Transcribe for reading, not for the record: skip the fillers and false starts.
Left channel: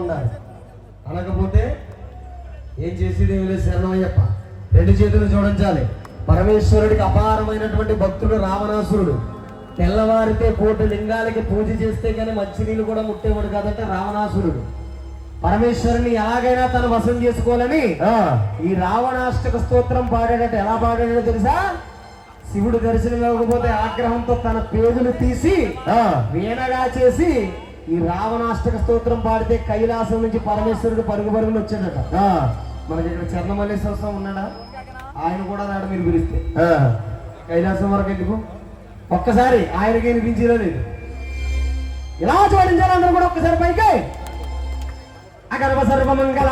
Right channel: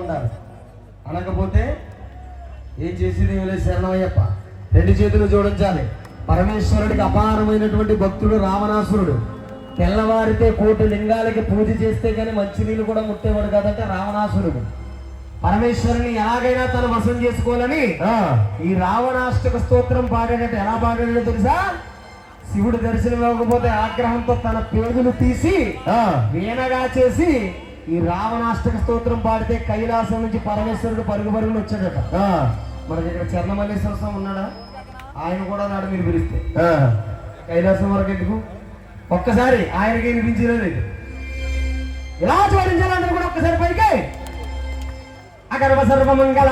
ఉండాలి. అనకపోతే ఏం చేసేది శరణయ్యప్ప. రెండు చేతులు జోడించాలి. పరమేశ్వరుడికి అపారమైనటువంటి భక్తుడు రావణాసురుడు. తెల్లవారితే 1,000,000 లింగాలకి పూజ చేస్తే కానీ మంచినీళ్ళు కూడా ముట్టేవాడు కాదంటే రావణాసురుడు. పరమేశ్వరుని ఎలాగైనా తను వశం చేసుకోవాలని ఈ రావణాష్టక స్తోత్రం పాడాడట. ఎలా పాడాడో తెలుసా? శివుడు దర్శనం ఇవ్వకపోతే ఆగ్రహంతో తన పేగులు తీసి వీణగా చేసి ఈ రావణాష్టక స్తోత్రం పాడితే కైలాసం నుంచి పరమేశ్వరుడు పరుగుపరుగులు వచ్చాడట. మనకి ఇక్కడ చర్ణమల్లేశ్వర స్వామి ఉన్నాడా? ఆయన కూడా నాడు మీరు పిలిస్తే కైలాసం వరకు ఎందుకు? ఒక్కసారి ఆయనకి వినిపించడం లేదు. ఇలా జోడించాలి అందరూ కూడా ఒక్కసారి పైకి. అగర్వ సర్వమంగళ